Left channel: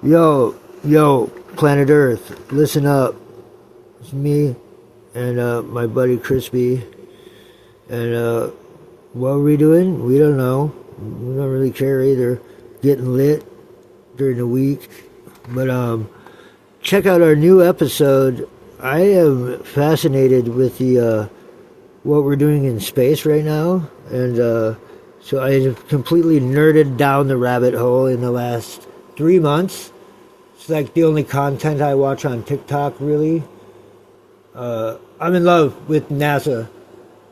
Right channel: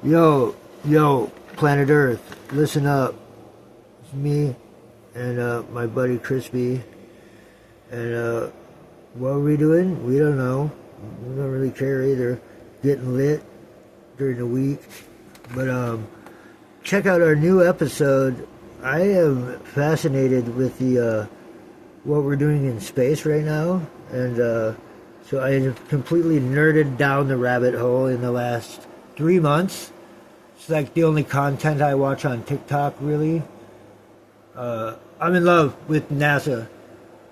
Yo, planet Earth, listen up. It's me and my buddy Crispy. And what are we doing? We don't know. We don't really care either. Getting lit during the week. But check out our new episode. I am fascinated with the what we're doing in space right now. And so I have completely nerded down the rabbit hole in the last 3 months. It's like the only content I watch on TikTok, really. I'm in love with NASA.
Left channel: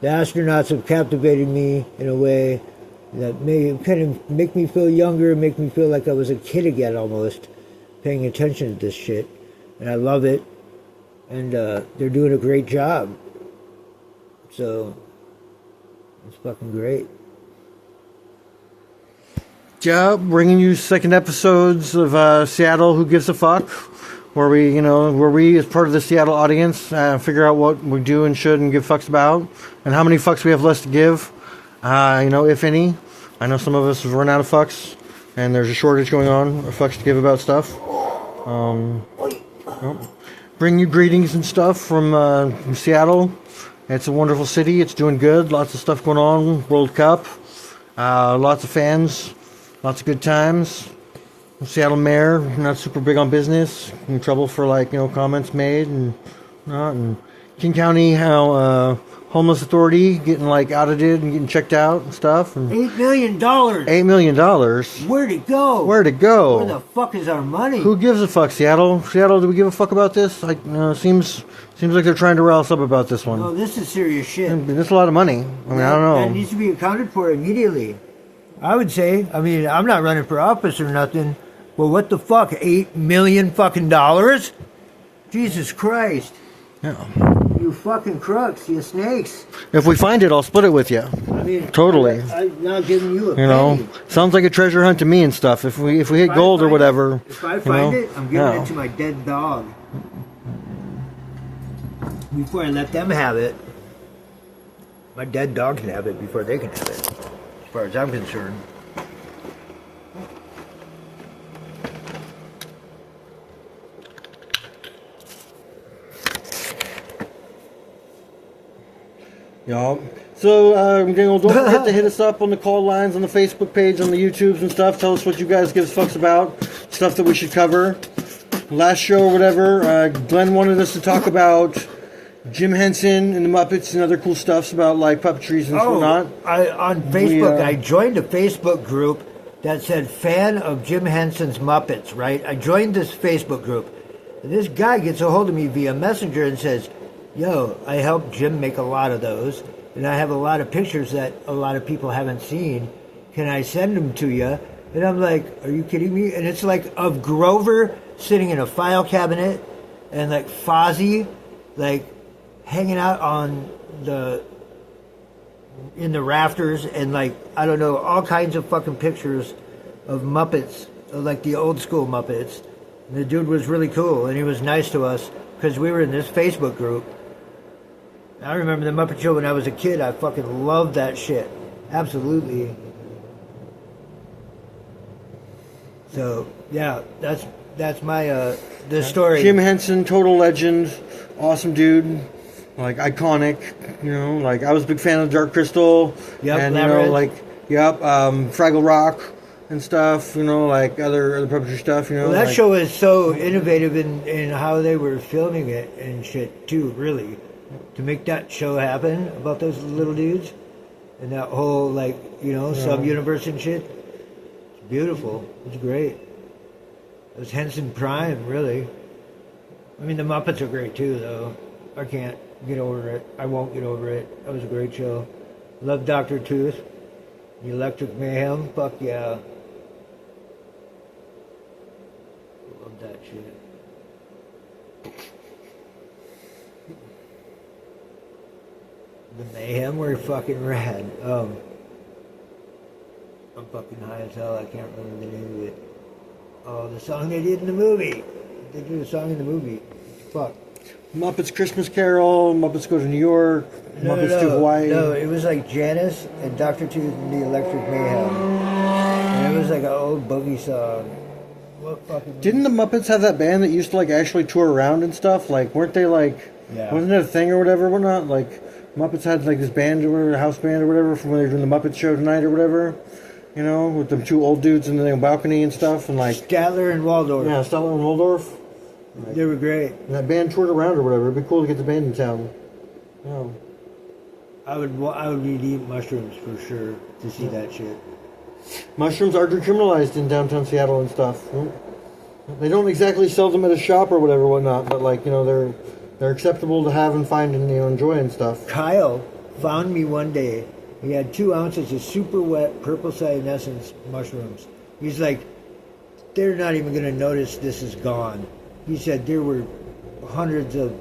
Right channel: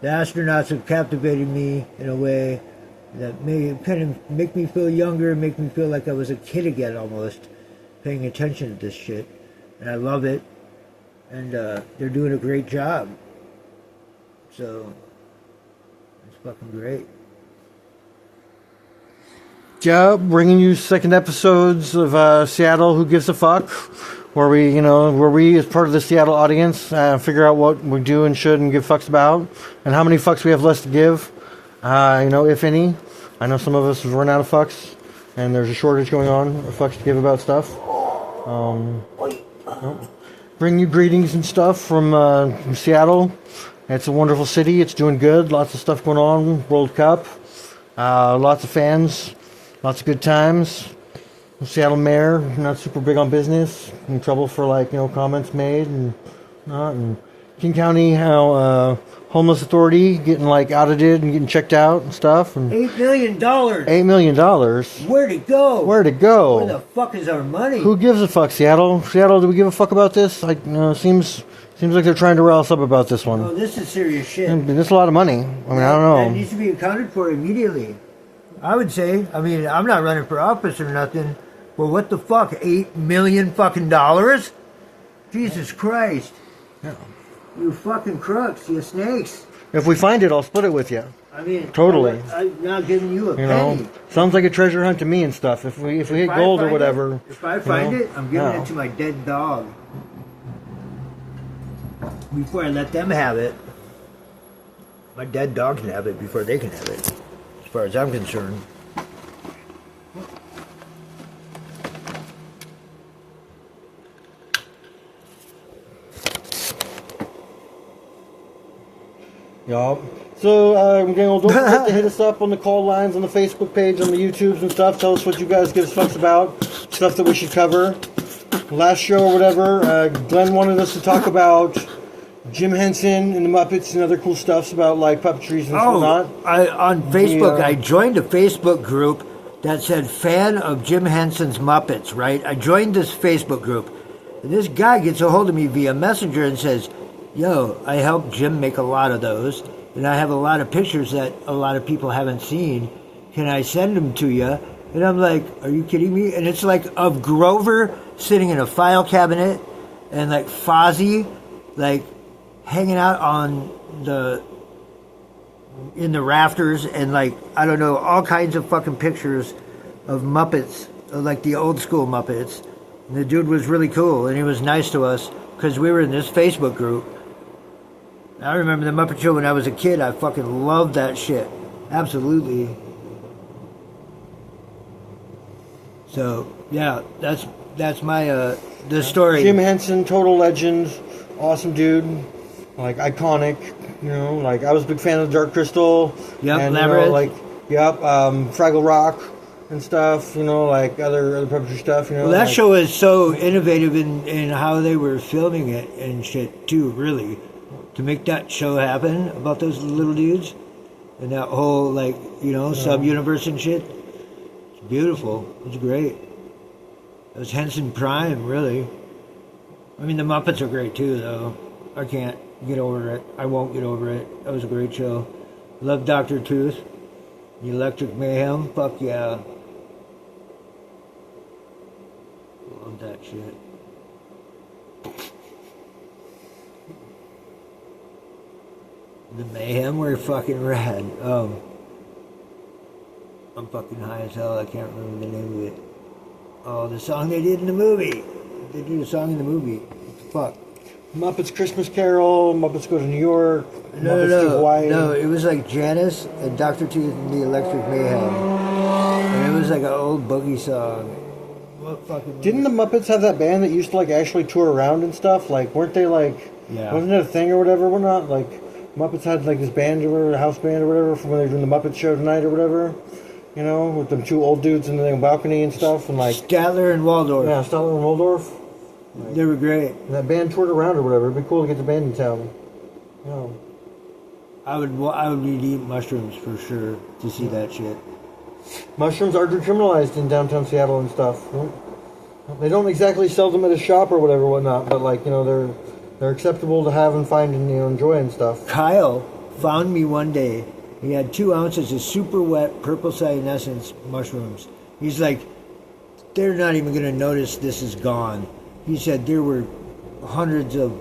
The astronauts have captivated me in a way that kind of make me feel younger, make me feel like I was a kid again almost, paying attention to this shit. And I love it. And they're doing a great job. So, it's fucking great. Yeah, bringing you second episodes of Seattle Who Gives a Fuck, where we as part of the Seattle audience figure out what we do and should and give fucks about, and how many fucks we have less to give, if any. I know some of us have run out of fucks, and there's a shortage going on of fucks to give about stuff. Bring you greetings and stuff from Seattle. It's a wonderful city. It's doing good. Lots of stuff going on. World Cup. Lots of fans. Lots of good times. Seattle mayor, not super big on business. In trouble for comments made and not. And King County, homeless authority getting audited and getting checked out and stuff. And $8 million. $8 million. Where'd it go? Where'd it go? Where the fuck is our money? Who gives a fuck, Seattle? Seattle, do we give a fuck about this? Seems like they're trying to rile us up about this one. Oh, this is serious shit. This is a lot of money. I don't know. That needs to be accounted for immediately. I would say. I'm not running for office or nothing. But what the fuck? $8 million fucking dollars? Jesus Christ. Yeah. You fucking crooks. You snakes. If we find it, I'll split it with you. Totally. I'm not giving you a penny. Sounds like a treasure hunt to me and stuff. If we hit gold or whatever. If I find it, I'm giving it to my dead dog. Before I let them have it. My dead dog can have it before they can have it. As far as I'm concerned. Yeah. So, don't forget to hit us up on the call lines, on the Facebook page, on the YouTubes and stuff. Tell us what you guys give fucks about, stuff that we should cover. Last show or whatever, Glenn wanted us to talk about Jim Henson and the Muppets and other cool stuffs about puppetries and whatnot. On Facebook, I joined a Facebook group that said fan of Jim Henson's Muppets, right? I joined this Facebook group. And this guy gets a hold of me via Messenger and says, yo, I helped Jim make a lot of those, and I have a lot of pictures that a lot of people haven't seen. Can I send them to you? And I'm like, are you kidding me? And it's of Grover sitting in a file cabinet, and Fozzie, hanging out in the rafters, and I don't know, all kinds of fucking pictures of Muppets, of the old school Muppets. And the dude was really cool, and he was nice to us, because we were in this Facebook group. I remember the Muppet Show when I was a kid. I fucking loved that shit. Absolutely. So, yeah, that's my, the story. Jim Henson, total legend, awesome dude, iconic, I was a big fan of Dark Crystal. Yep, and, Fraggle Rock and stuff, other puppetry stuff, Well, that show is so innovative in how they were filming it and shit, too, really. To make that show happen about those little dudes and that whole, sub-universe and shit. It's beautiful. It's great. It was Henson Prime, really. I mean, the Muppets are great, too, though. I can't get over it. I won't get over it. That was a great show. Love Dr. Tooth. The Electric Mayhem. Fuck yeah. Love that shit. The Mayhem were fucking rad. I'm fucking high as hell. I can't remember the name of it. Oh, the song they did in the movie. They did a song in the movie. Fuck. Muppets Christmas Carol, Muppets Go to New York, Muppets to Hawaii. No, it was Janice and Dr. Tooth and the Electric Mayhem. And it was an old boogie song. What fucking. Didn't the Muppets have that band that used to like actually tour around and stuff? Like, weren't they like? Yeah. Wasn't it a thing or whatever? We're not like Muppets had like this band or whatever, house band or whatever, from when they were doing the Muppet Show tonight or whatever. You know, with them two old dudes in the balcony and stuff, and like Statler and Waldorf. yeah, Statler and Waldorf. They were great. And that band toured around or whatever. It'd be cool to get the band in town. You know. I would need to eat mushrooms for sure to see that shit. Mushrooms are decriminalized in downtown Seattle and stuff. They don't exactly sell them at a shop or whatever, whatnot, but like, you know, they're acceptable to have and find and, you know, enjoy and stuff. Kyle found me one day. He had 2 ounces of super wet purple cyanescence mushrooms. He's like, they're not even going to notice this is gone. He said there were hundreds of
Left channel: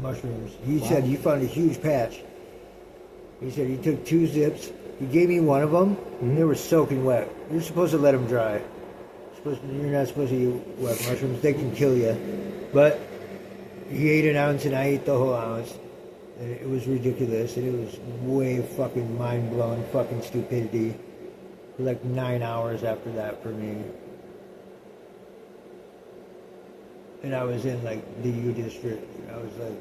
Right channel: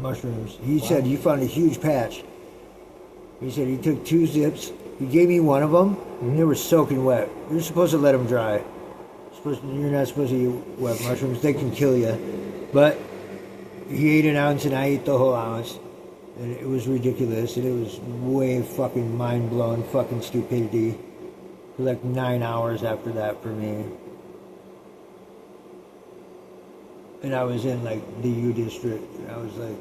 mushrooms. He said he found a huge patch. He said he took 2 zips. He gave me one of them, and they were soaking wet. You're supposed to let them dry. You're not supposed to eat wet mushrooms. They can kill you. But he ate an ounce, and I ate the whole ounce. And it was ridiculous, and it was way fucking mind-blowing fucking stupidity. For like 9 hours after that for me. And I was in like the U district. And I was like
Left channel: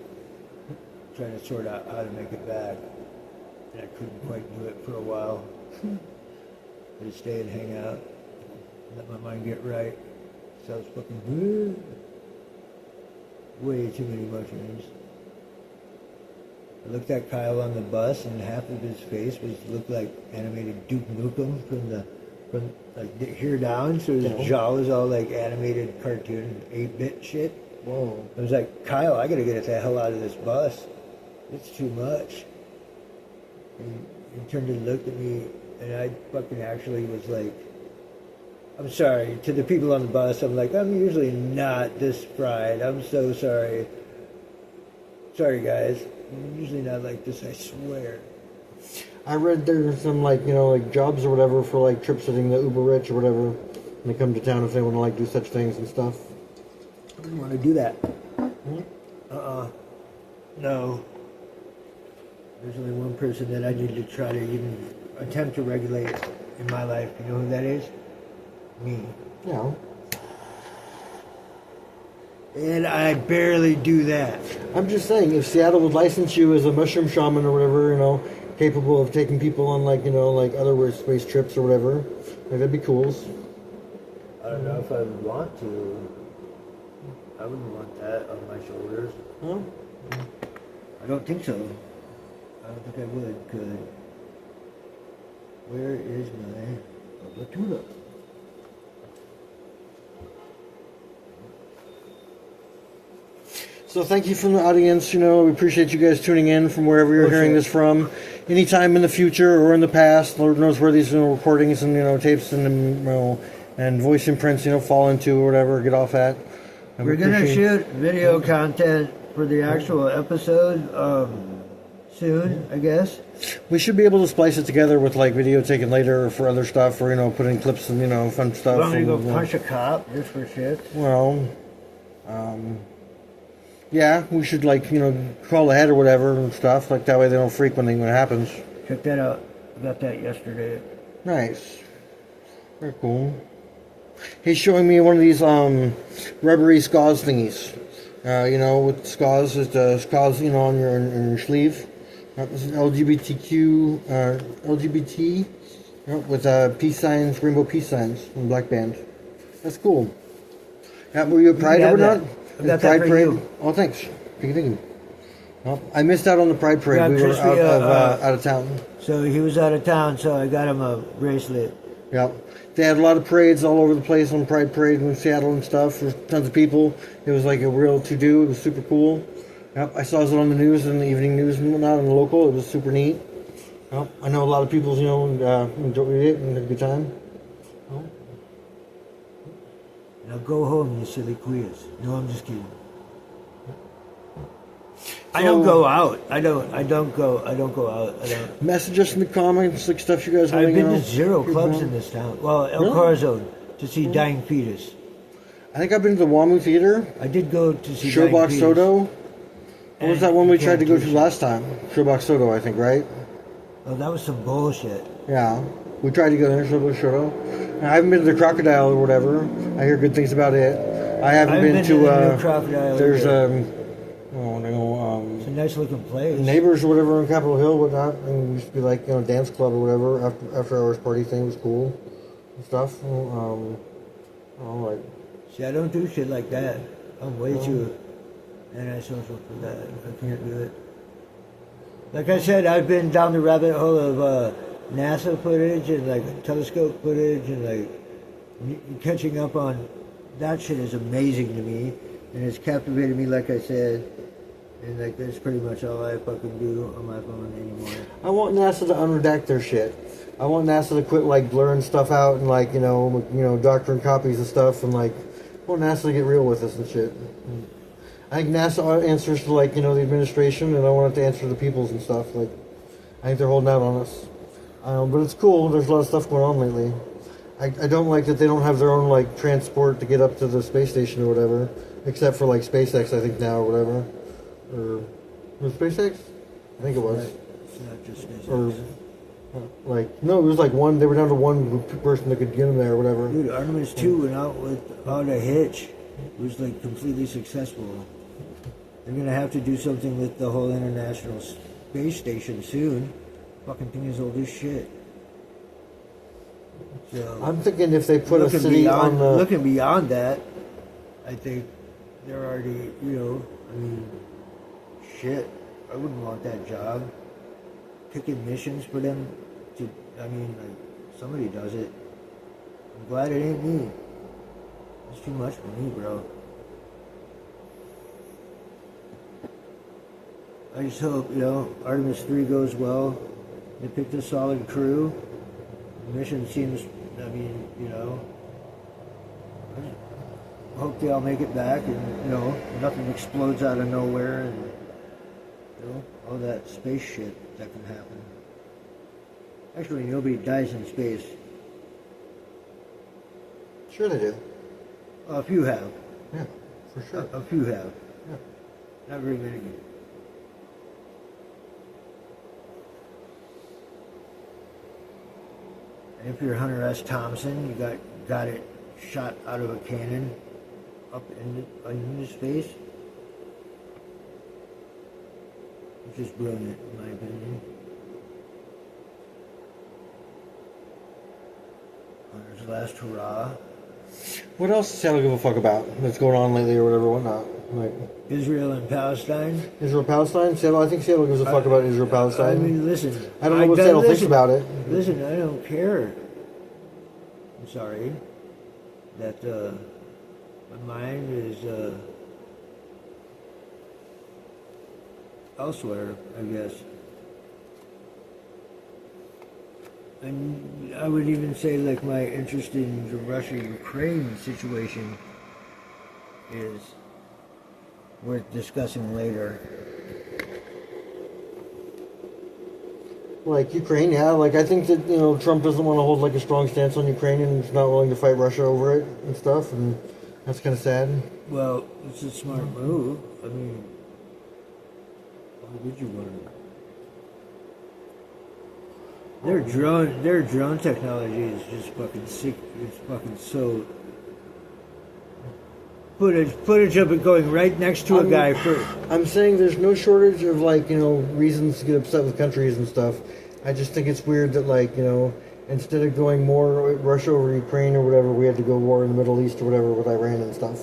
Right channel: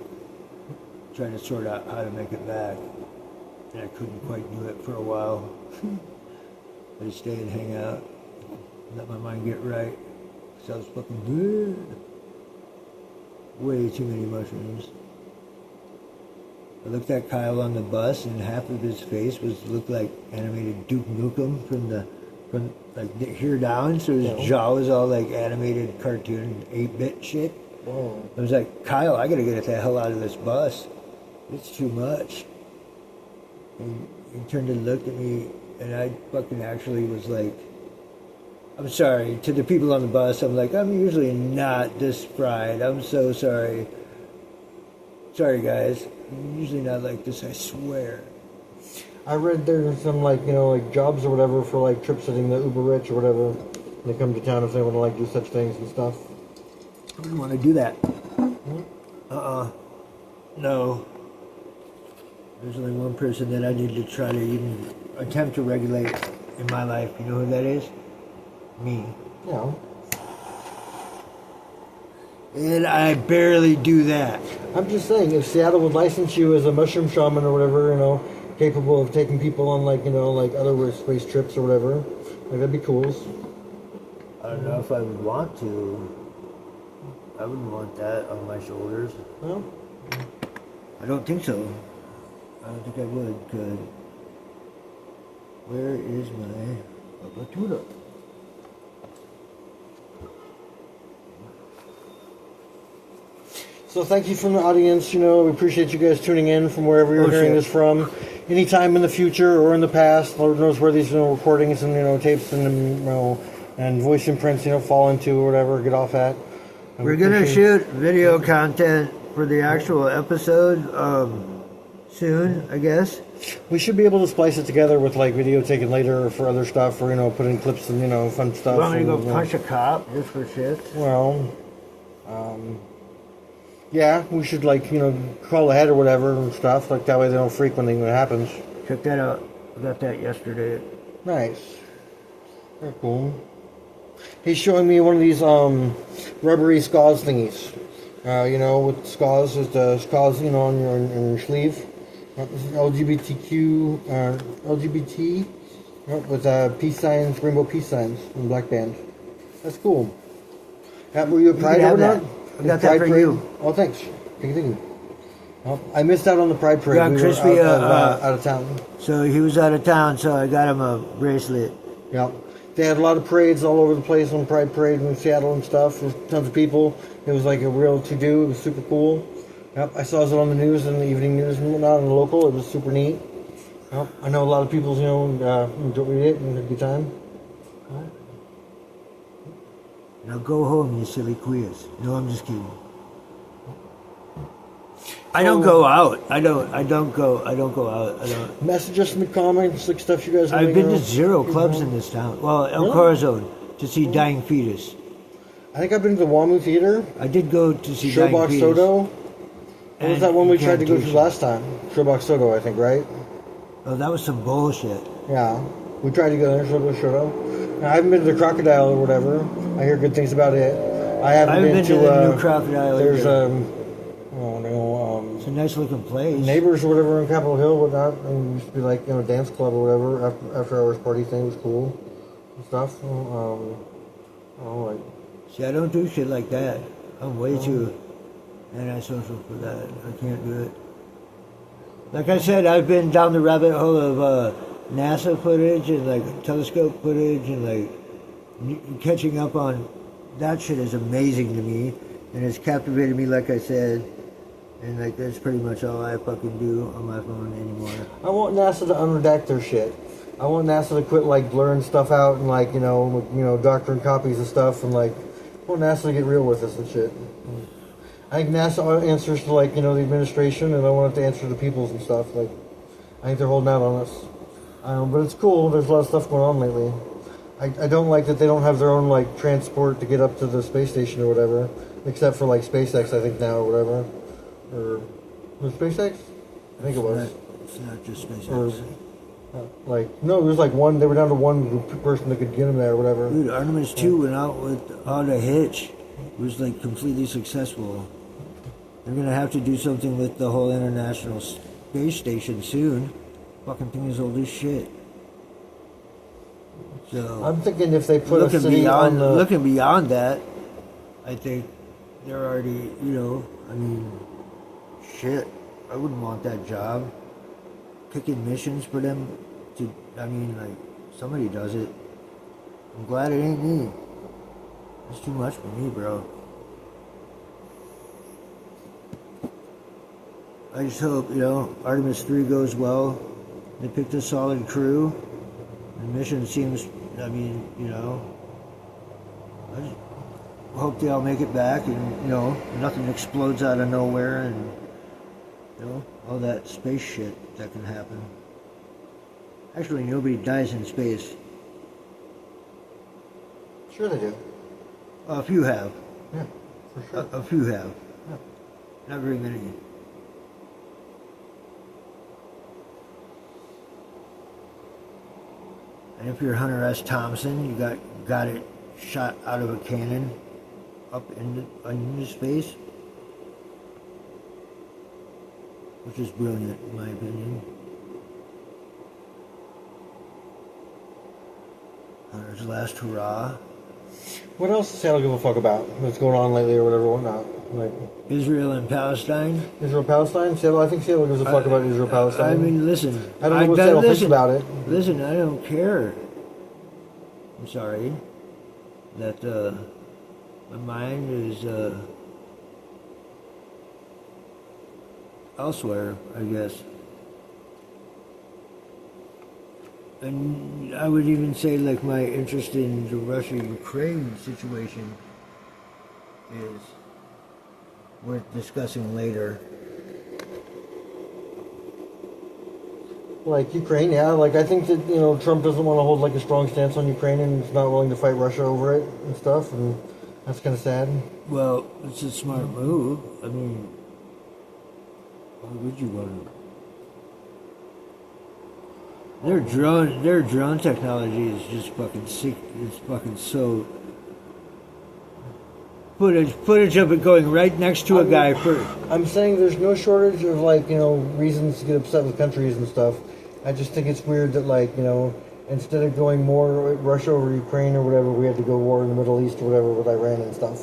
trying to sort out how to make it back. And I couldn't quite do it for a while. I just stay and hang out. Let my mind get right. So I was fucking good. Way too many mushrooms. I looked at Kyle on the bus, and half of his face looked like animated Duke Nukem from like here down. So his jaw was all like animated cartoon 8-bit shit. I was like, Kyle, I gotta get the hell out of this bus. It's too much. And he turned and looked at me, and I fucking actually was like, I'm sorry. To the people on the bus, I'm like, I'm usually not this fried. I'm so sorry. Sorry, guys. I'm usually not like this, I swear. I read there's some like, you know, like jobs or whatever for like trip sitting the uber rich or whatever. And they come to town if they want to like do such things and stuff. I wouldn't want to do that. No. There's only one person that I need to try to even attempt to regulate in my life. You know who that is? Me. Yeah. And I barely do that. I'm just saying, if Seattle would license you as a mushroom shaman or whatever, you know, capable of taking people on like, you know, like other space trips or whatever, like that'd be cool. I don't know if I would want to. I wouldn't want that on my shoulders. No? I don't think so. I don't think I would, because where is my Latuda? So thank you from the audience. You know, we appreciate you guys tuning in from wherever you're hearing this from. Anytime in the future or in the past, Lord knows where these recordings and, you know, tapes and, you know, and voice imprints, you know, fall into or whatever, get off at. And We're going to shoot video content for the actual episode soon, I guess. We should be able to splice it together with like video taken later or for other stuff, or, you know, put in clips and, you know, fun stuff. You want me to go and, punch a cop just for shit? Well, yeah, we should like, you know, call ahead or whatever and stuff. Like that way they don't freak when it happens. Check that out. I got that yesterday. Nice. Very cool. He's showing me one of these rubbery SCAWS thingies. You know, with SCAWS is the SCAWS, you know, on your sleeve. LGBTQ, LGBT, with peace signs, rainbow peace signs, and black band. That's cool. Were you at Pride or not? I got that for you. Oh, thanks. Thank you. Well, I missed out on the Pride Parade. Yeah, we were Crispy, out of town. So he was out of town, so I got him a bracelet. Yeah. They had a lot of parades all over the place on Pride Parade in Seattle and stuff. There's tons of people. It was like a real to-do. It was super cool. Yep. I saw it on the news, in the evening news and whatnot, on the local. It was super neat. Yep. I know a lot of people, you know, enjoyed it and had a good time. Now go home, you silly queers. No, I'm just kidding. I don't go out. I don't go out. Message us in the comments, like stuff you guys want. I've been to 0 clubs in this town. Well, El Corazon to see Dying Fetus. I think I've been to the WAMU Theater. I did go to see Dying Showbox Fetus. Soto. What was that one we tried to go to Cantuccia. last time? Showbox Soto, I think, right? Oh, that was some bullshit. Yeah. We tried to go there, Showbox Soto. I haven't been to the Crocodile or whatever. I hear good things about it. I haven't been to the new Crocodile. there's either. oh no It's a nice looking place. Neighbors or whatever on Capitol Hill, whatnot. And it used to be like dance club or whatever. After hours party thing was cool and stuff. Like See, I don't do shit like that. I'm way too antisocial for that. I can't do it. Like I said, I've been down the rabbit hole of NASA footage and like telescope footage and like catching up on that shit is amazing to me, and it's captivated me. Like I said, and like that's pretty much all I fucking do on my phone anymore. I want NASA to unredact their shit. I want NASA to quit like blurring stuff out and like doctoring copies of stuff and like I want NASA to get real with us and shit. I think NASA answers to like the administration, and I want it to answer to the peoples and stuff. Like I think they're holding out on us, but it's cool. There's a lot of stuff going on lately. I don't like that they don't have their own like transport to get up to the space station or whatever, except for like SpaceX I think now or whatever, or was it SpaceX? I think it was. It's not just SpaceX. No, it was like one. They were down to one person that could get them there or whatever. Dude, Artemis 2 went out without a hitch. It was like completely successful. They're gonna have to do something with the whole International Space Station soon. Fucking thing is old as shit. So I'm thinking if they put a city on the looking beyond that, I think they're already, I mean, shit. I wouldn't want that job. Picking missions for them to, I mean, like, somebody does it. I'm glad it ain't me. It's too much for me, bro. I just hope, Artemis 3 goes well. They picked a solid crew. The mission seems, I mean, I just hope they all make it back and, nothing explodes out of nowhere and, all that space shit that can happen. Actually, nobody dies in space. Sure they do. A few have. Yeah, for sure. A few have. Yeah. Not very many. And if you're Hunter S. Thompson, you got it shot out of a cannon up into space, which is brilliant in my opinion. Hunter's last hurrah. What else does Seattle give a fuck about that's going on lately or whatever, whatnot? Like Israel and Palestine. Israel, Palestine? Seattle, I think Seattle gives a fuck about Israel, Palestine. I mean, listen. I don't know what Seattle thinks about it. Listen, I don't care. I'm sorry. That the mind is elsewhere, I guess. And I would even say, like, my interest in the Russia-Ukraine situation is worth discussing later. Like Ukraine, yeah. Like I think that Trump doesn't want to hold like a strong stance on Ukraine and is not willing to fight Russia over it and stuff, and that's kind of sad. Well, it's a smart move. I mean, why would you want to? Their drone technology is just fucking sick. It's fucking so. Footage of it going right next to a guy first. I'm saying there's no shortage of like reasons to get upset with countries and stuff. I just think it's weird that like instead of going more Russia over Ukraine or whatever, we had to go war in the Middle East or whatever with Iran and stuff.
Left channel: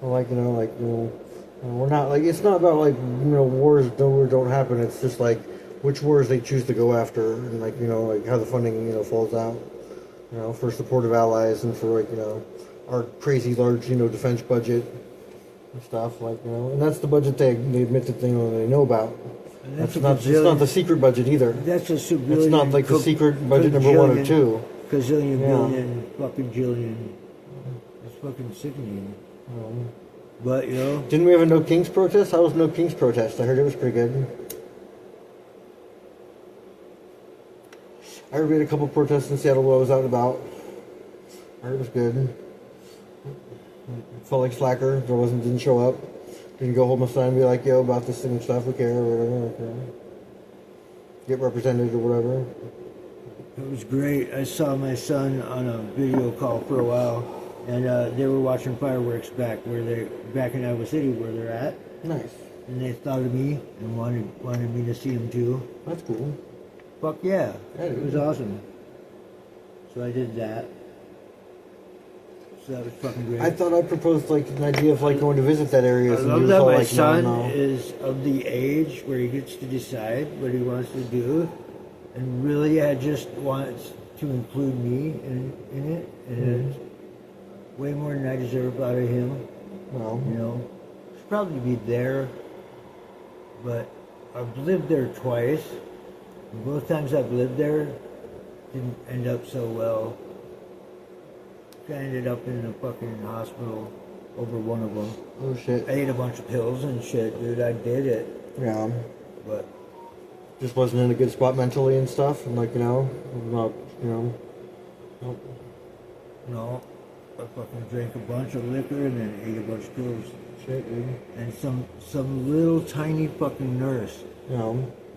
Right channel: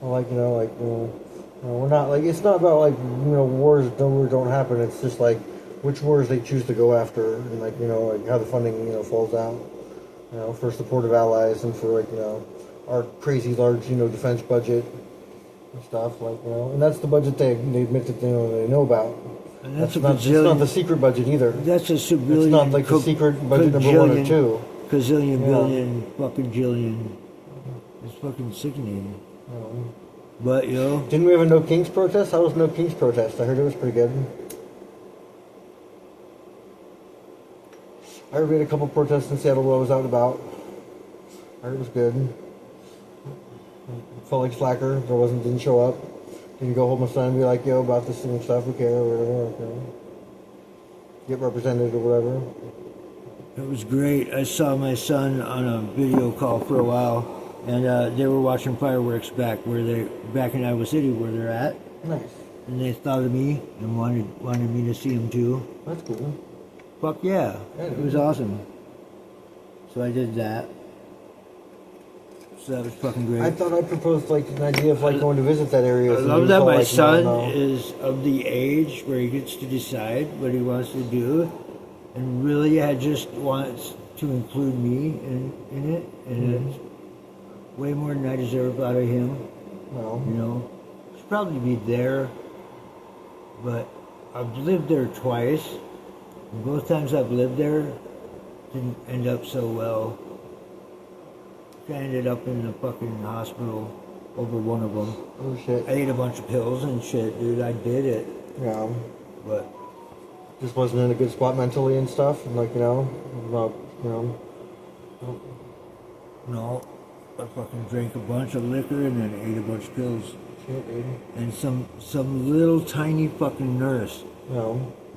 Well, like we're not like it's not about like wars don't happen. It's just like which wars they choose to go after and like like how the funding falls out. For supportive allies and for like our crazy large defense budget and stuff like and that's the budget they admit that they know about. And that's not the secret budget either. That's a civilian. It's not like the secret budget number 1 or 2. Gazillion, billion, fucking jillion. It's fucking sickening. But didn't we have a No Kings protest? How was No Kings protest? I heard it was pretty good. I heard we had a couple protests in Seattle while I was out and about. I heard it was good. Felt like slacker. Didn't show up. Didn't go hold my son and be like, yo, about this thing and stuff. We care or whatever. Okay. Get represented or whatever. It was great. I saw my son on a video call for a while, and they were watching fireworks back in Iowa City where they're at, Nice. and they thought of me and wanted me to see them too. That's cool. Fuck yeah, Yeah, it was awesome. So I did that. So that was fucking great. I thought I proposed like an idea of like going to visit that area. I love that my son is of the age where he gets to decide what he wants to do, and really I just wants to include me in it, and it's way more than I deserve out of him. Well, You know, should probably be there, but I've lived there twice, and both times I've lived there didn't end up so well. I ended up in the fucking hospital over one of them. oh shit. I ate a bunch of pills and shit, dude. I did it, Yeah. but Just wasn't in a good spot mentally and stuff, and like not no, I fucking drank a bunch of liquor and then ate a bunch of pills. shit, dude. And some little tiny fucking nurse Yeah.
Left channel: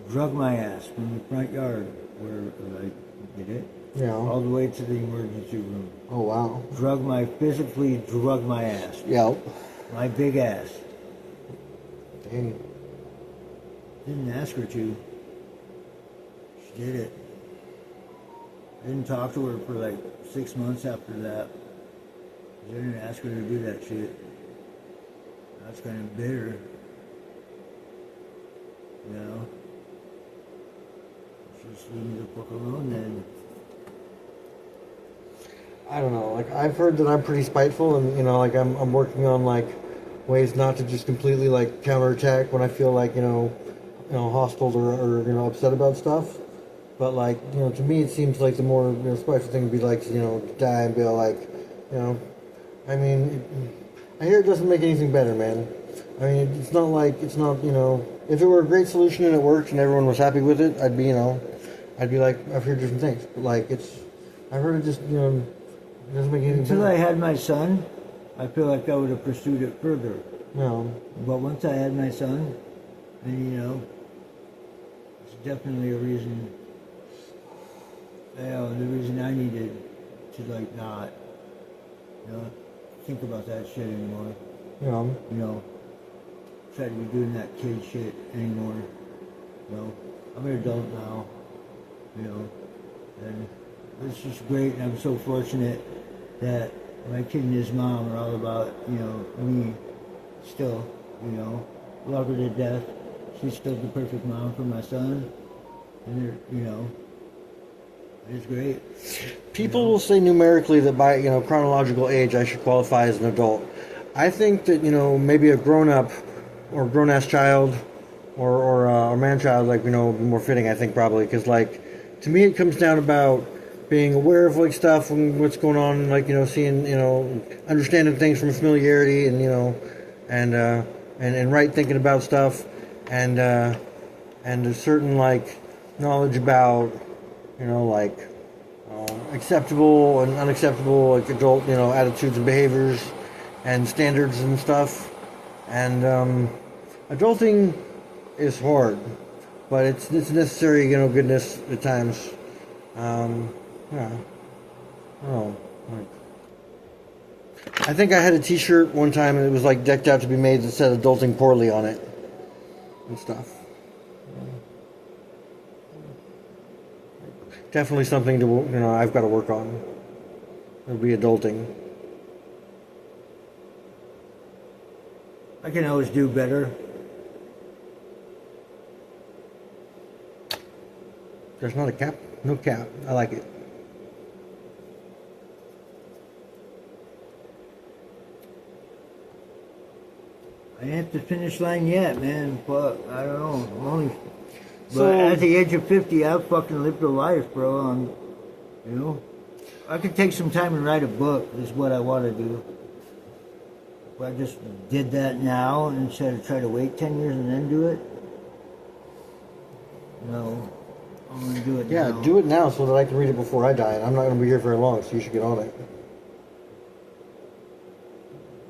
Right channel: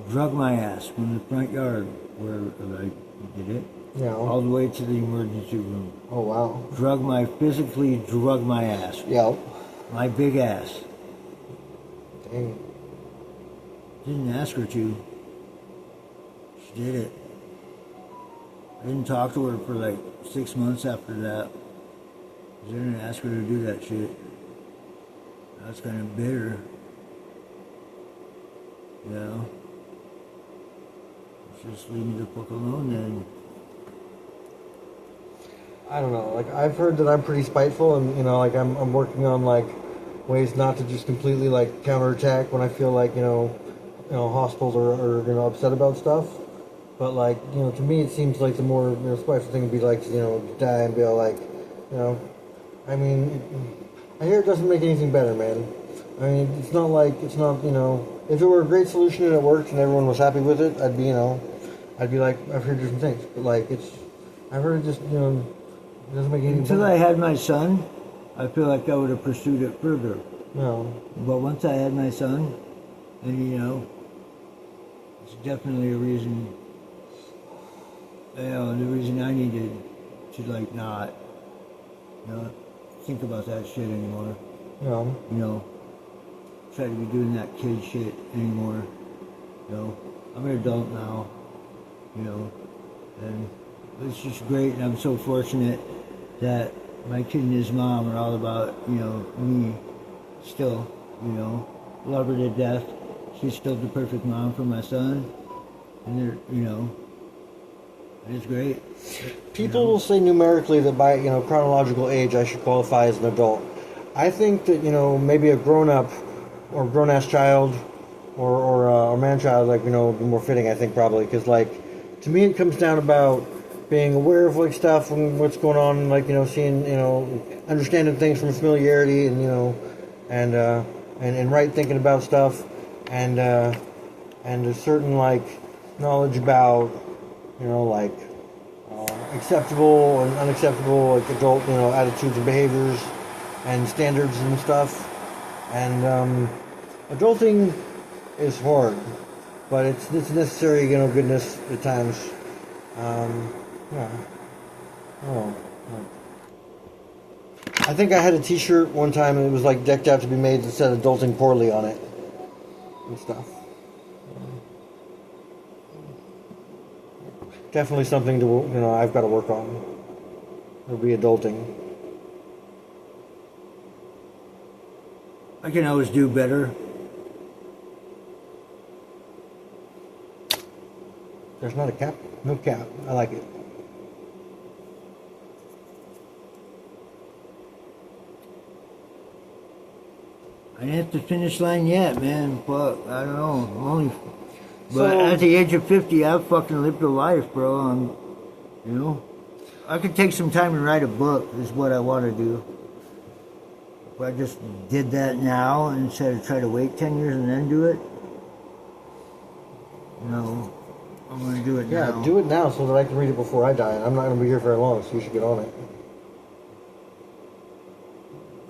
drug my ass from the front yard where I did it Yeah. all the way to the emergency room. Oh wow. Physically drug my ass, Yeah. my big ass. Dang. Didn't ask her to. She did it. Didn't talk to her for like 6 months after that. I didn't ask her to do that shit. That's kind of bitter. You know? Just leave me the fuck alone then. I don't know. Like I've heard that I'm pretty spiteful, and like I'm working on like ways not to just completely like counterattack when I feel like hostiles or upset about stuff. But like to me, it seems like the more spiteful thing would be like to die and be all like, I mean, I hear it doesn't make anything better, man. I mean, it's not if it were a great solution and it worked and everyone was happy with it, I'd be like, I've heard different things, but like I've heard it just it doesn't make anything Until better. I had my son, I feel like I would have pursued it further. No. But once I had my son, and it's definitely a reason. The reason I needed to like not, think about that shit anymore. No. Try to be doing that kid shit anymore. I'm an adult now. And it's just great, and I'm so fortunate that my kid and his mom are all about, me still, love her to death. She's still the perfect mom for my son, and it's great. People will say numerically that by chronological age I should qualify as an adult. I think that maybe a grown-up or grown-ass child or man-child would be more fitting. I think probably because to me it comes down about being aware of stuff and what's going on, seeing understanding things from familiarity and right thinking about stuff and a certain knowledge about acceptable and unacceptable adult attitudes and behaviors and standards and stuff. And adulting is hard, but it's necessary goodness at times. Yeah. Oh, I think I had a T-shirt one time and it was decked out to be made that said "adulting poorly" on it and stuff. Definitely something to I've got to work on. It'll be adulting. I can always do better. There's not a cap, no cap. I like it. I ain't at the finish line yet, man. But I don't know. I'm only. So- But at the age of 50, I've fucking lived a life, bro. I could take some time and write a book. Is what I want to do. If I just did that now instead of try to wait 10 years and then do it. No, I'm gonna do it Yeah, now. do it now so that I can read it before I die. And I'm not going to be here very long, so you should get on it.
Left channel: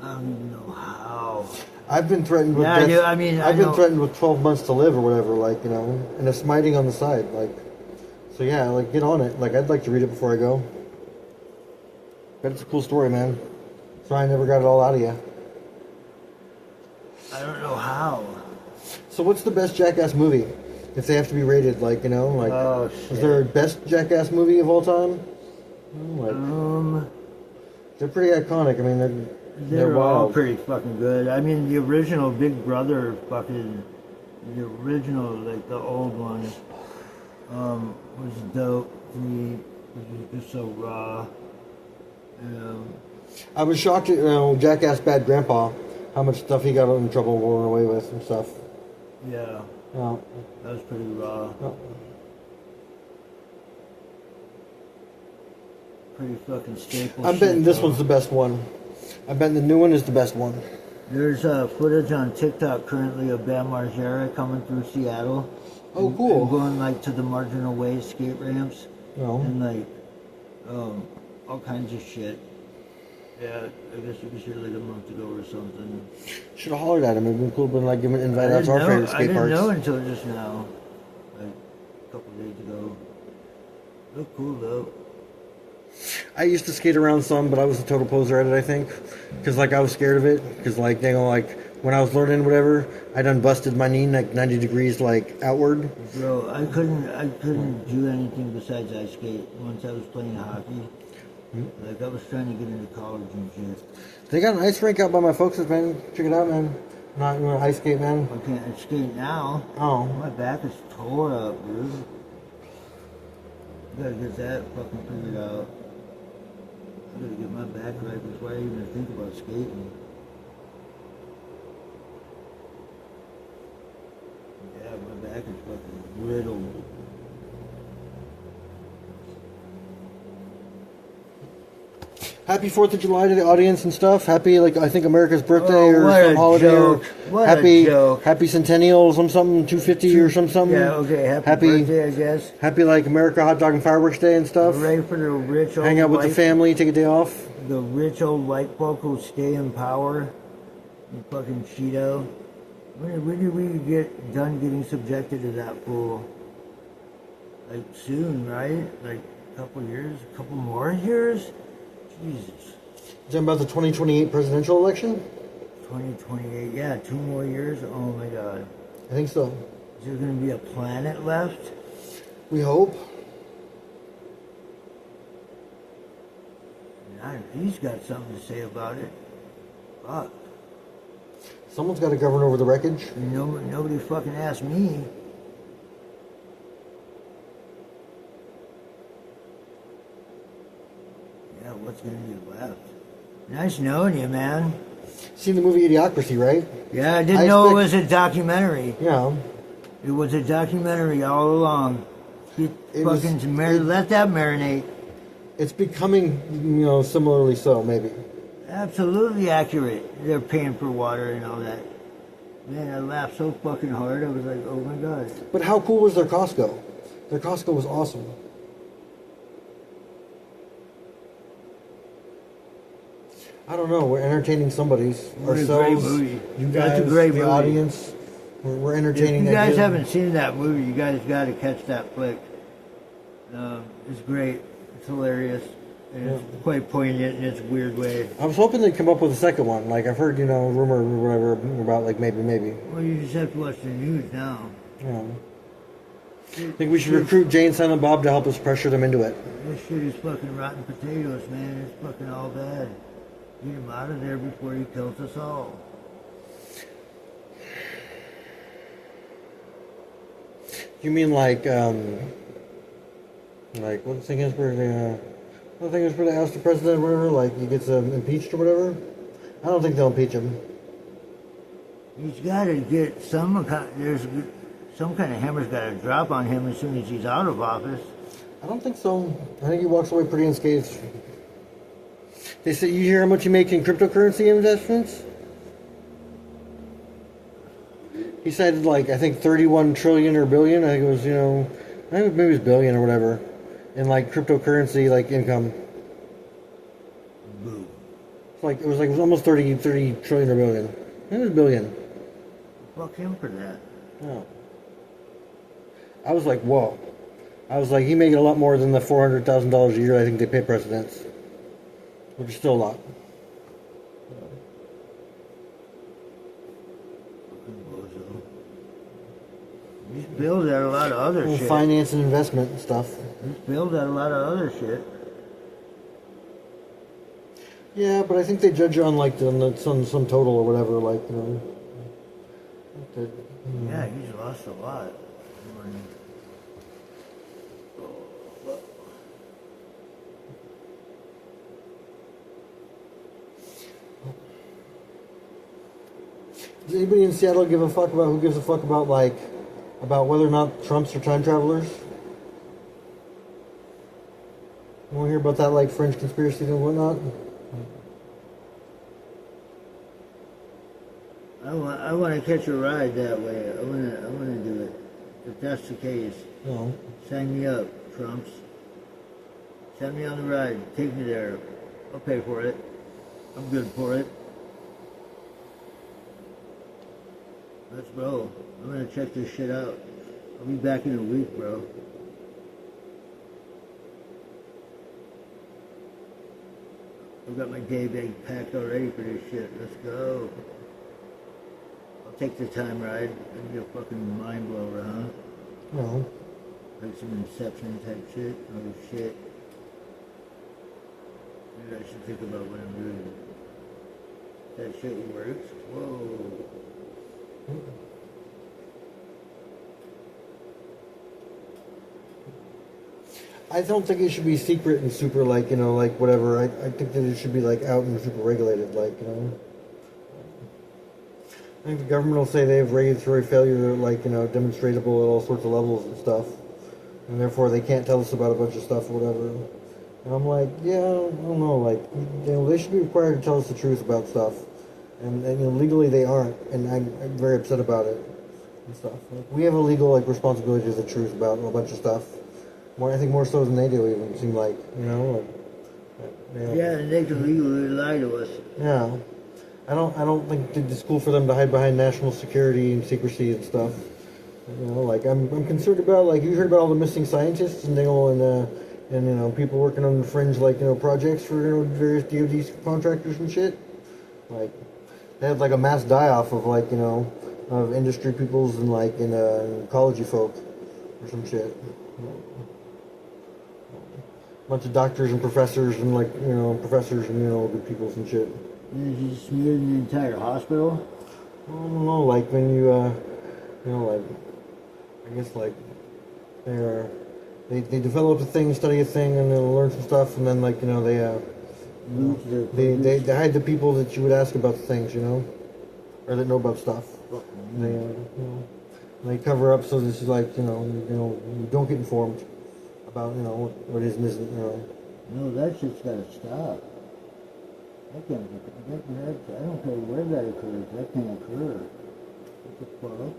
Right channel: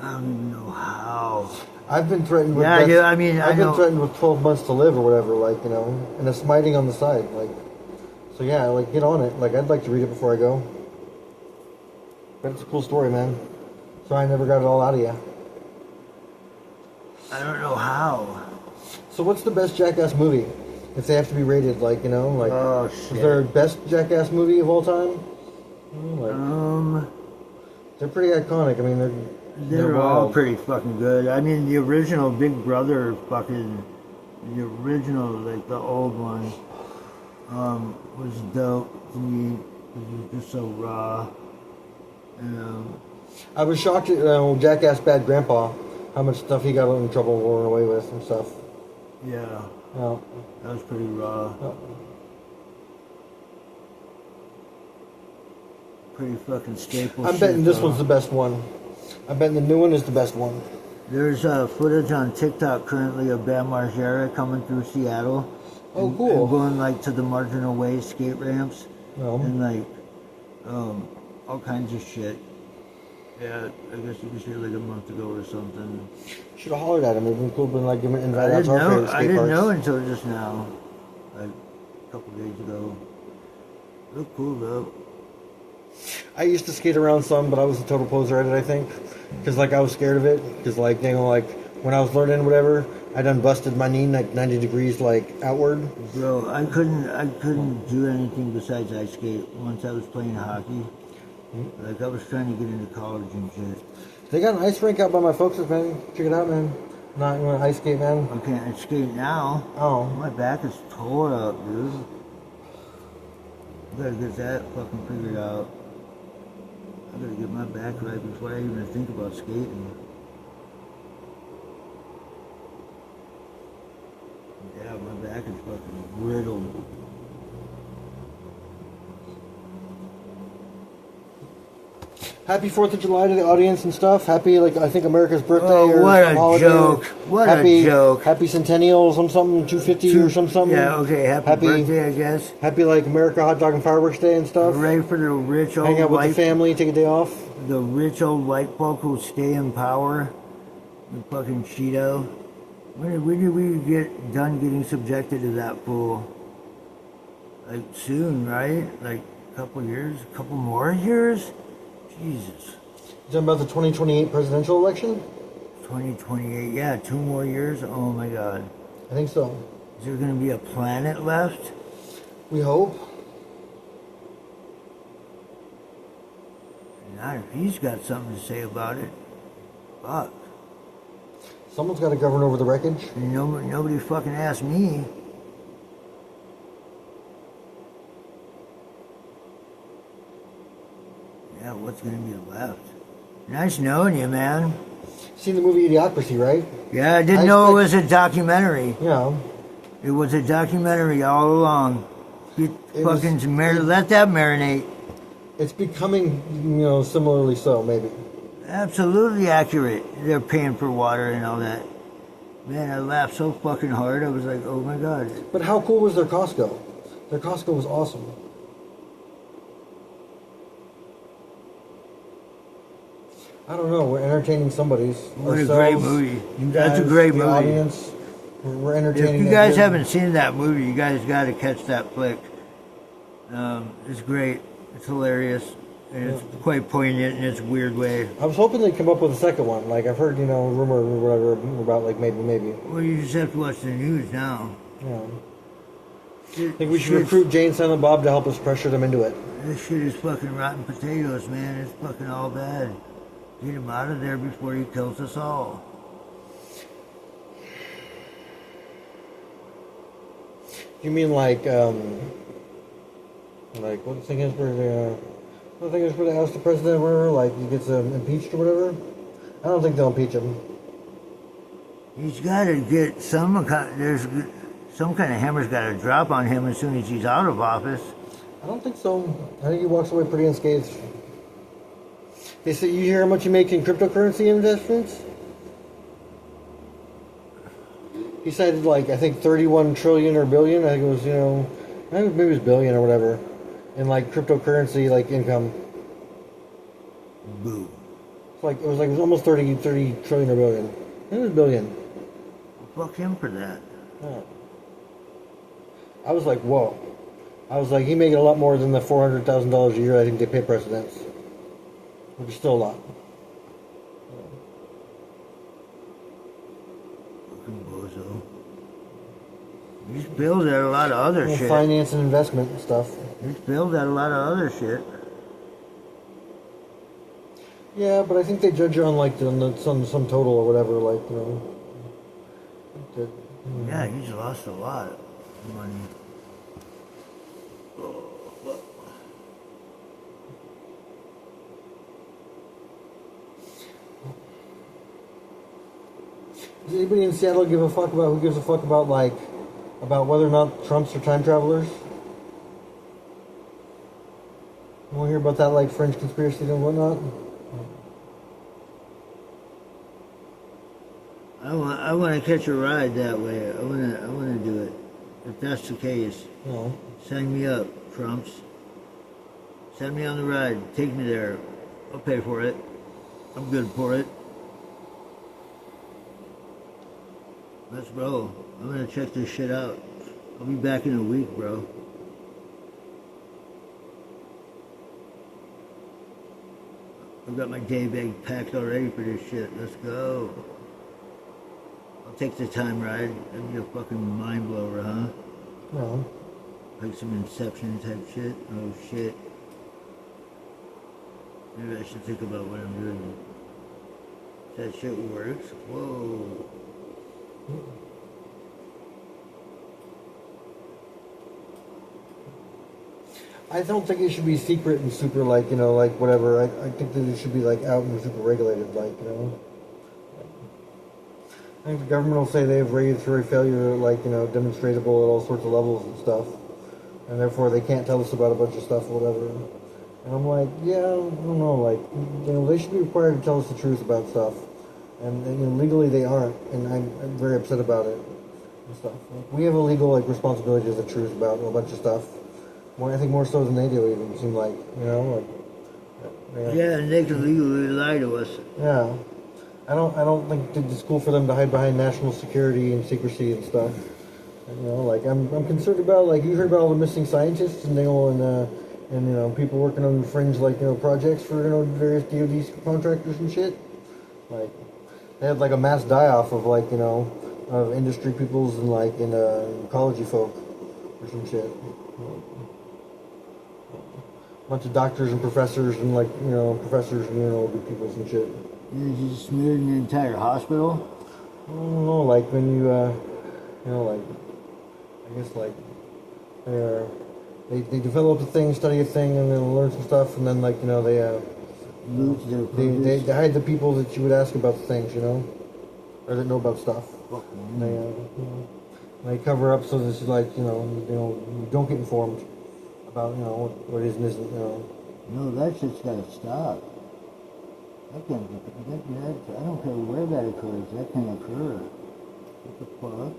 I don't even know how. I've been threatened with Yeah, death. I I've been know. threatened with 12 months to live or whatever, and a smiting on the side, So yeah, like get on it. Like I'd like to read it before I go. But it's a cool story, man. Sorry I never got it all out of you. I don't know how. So what's the best Jackass movie? If they have to be rated, like, you know, like, Oh, is shit. there a best Jackass movie of all time? Like, they're pretty iconic. I mean, They're all wild. pretty fucking good. I mean, the original Big Brother fucking, the original, like the old one, was dope to me. It was just so raw. I was shocked at Jackass Bad Grandpa, how much stuff he got in trouble rolling away with and stuff. Yeah, Yeah. that was pretty raw. Pretty fucking staple. I'm betting shit, this though. one's the best one. I'm betting the new one is the best one. There's footage on TikTok currently of Bam Margera coming through Seattle. Oh, cool. And going like to the Marginal Way skate ramps Yeah. and like all kinds of shit. Yeah, I guess you was here like a month ago or something. Should have hollered at him. It'd been cool, been like I invited out didn't to our know. favorite I skate didn't parks. know until just now, like a couple days ago. Look cool though. I used to skate around some, but I was a total poser at it, I think. Because, like, I was scared of it. Because, like, you know, like, when I was learning whatever, I done busted my knee, like, 90 degrees, like, outward. Bro, I couldn't do anything besides ice skate once I was playing hockey. Like I was trying to get into college and shit. They got an ice rink out by my folks', man. Check it out, man. Not you want to ice skate, man. I can't skate now. Oh. My back is tore up, dude. I gotta get that fucking figured out. I gotta get my back right before I even think about skating. Yeah, my back is fucking riddled. Happy 4th of July to the audience and stuff. Happy, like, I think America's birthday Oh, or what some a holiday. joke. What a happy, joke. Happy Centennial or something, 250 or something. Yeah, okay, happy birthday, I guess. Happy, like, America Hot Dog and Fireworks Day and stuff. Ready for the rich old Hang out with white, the family, take a day off. the rich old white folk who stay in power. The fucking Cheeto. When did we get done getting subjected to that fool? Like soon, right? Like a couple years, a couple more years? Jesus. You talking about the 2028 presidential election? 2028, yeah, 2 more years? Oh my god. I think so. Is there gonna be a planet left? We hope. Not if he's got something to say about it. Fuck. Someone's got to govern over the wreckage. Nobody fucking asked me. Yeah, what's gonna be left? Nice knowing you, man. Seen the movie Idiocracy, right? Yeah, I didn't know it was a documentary. You know, It was a documentary all along. Let that marinate. it's becoming, you know, similarly so, maybe. Absolutely accurate. They're paying for water and all that. Man, I laughed so fucking hard. I was like, oh my god. But how cool was their Costco? Their Costco was awesome. I don't know. We're entertaining somebody's. What a great movie. You That's a guys, great the movie. audience. We're If entertaining. you that guys kid. haven't seen that movie, you guys got to catch that flick. It's great. It's hilarious. And it's quite poignant in its weird way. I was hoping they'd come up with a second one. Like I've heard, you know, rumor or whatever about like maybe. Well, you just have to watch the news now. You know. I think we should recruit Jane, Silent Bob to help us pressure them into it. This shit is fucking rotten potatoes, man. It's fucking all bad. Get him out of there before he kills us all. You mean like what the thing is for the oust the president or whatever? Like he gets impeached or whatever? I don't think they'll impeach him. He's got to get there's some kind of hammer's got to drop on him as soon as he's out of office. I don't think so. I think he walks away pretty unscathed. They say you hear how much you make in cryptocurrency investments? He cited like I think 31 trillion or billion. I think it was maybe it was billion or whatever, in like cryptocurrency like income. Boo. It was almost 30 trillion or billion. It was billion. Fuck him for that. Yeah. I was like, whoa. I was like, he made a lot more than the $400,000 a year I think they pay presidents, which is still a lot. Bozo. He's billed at a lot of other Well, shit. finance and investment and stuff. He's billed at a lot of other shit. Yeah, but I think they judge it on like some total or whatever, like, you know. Yeah, he's lost a lot of money. Does anybody in Seattle give a fuck about who gives a fuck about like about whether or not Trumps are time travelers? You want to hear about that like French conspiracy and whatnot? I want to catch a ride that way. I want to do it. If that's the case, Yeah. sign me up, Trumps. Send me on the ride. Take me there. I'll pay for it. I'm good for it. Let's roll. I'm gonna check this shit out. I'll be back in a week, bro. I've got my day bag packed already for this shit. Let's go. I'll take the time ride. That'll be a fucking mind blower, huh? Yeah. Like some Inception type shit. Oh shit. Maybe I should think about what I'm doing. That shit works. Whoa. I don't think it should be secret and super like, you know, like whatever. I think that it should be like out and super regulated, like, you know. I think the government will say they have regulatory failure, like, you know, demonstratable at all sorts of levels and stuff. And therefore they can't tell us about a bunch of stuff or whatever. And I'm like, yeah, I don't know, like, you know, they should be required to tell us the truth about stuff. And you know, legally they aren't, and I'm very upset about it and stuff. Like, we have a legal like responsibility to the truth about a bunch of stuff. More, I think more so than they do, even seem like, you know. Like, Yeah, and they can legally lie to us. yeah. I don't think it's cool for them to hide behind national security and secrecy and stuff. You know, like I'm concerned about, like, you heard about all the missing scientists and they all and you know, people working on fringe, like, you know, projects for, you know, various DoD contractors and shit. Like, they had like a mass die-off of, like, you know, of industry peoples and like in ecology folk or some shit. Bunch of doctors and professors and, like, you know, professors and, you know, good people and shit. And you just smeared the entire hospital? I don't know, like when you know, like, I guess like they develop a thing, study a thing, and then learn some stuff, and then, like, you know, they hide the people that you would ask about the things, you know, or that know about stuff. And they cover up so this is like, you know, you don't get informed about, you know, what is and isn't, you know. No, that shit's gotta stop. That can't, I don't care where that occurs. That can't occur. What the fuck?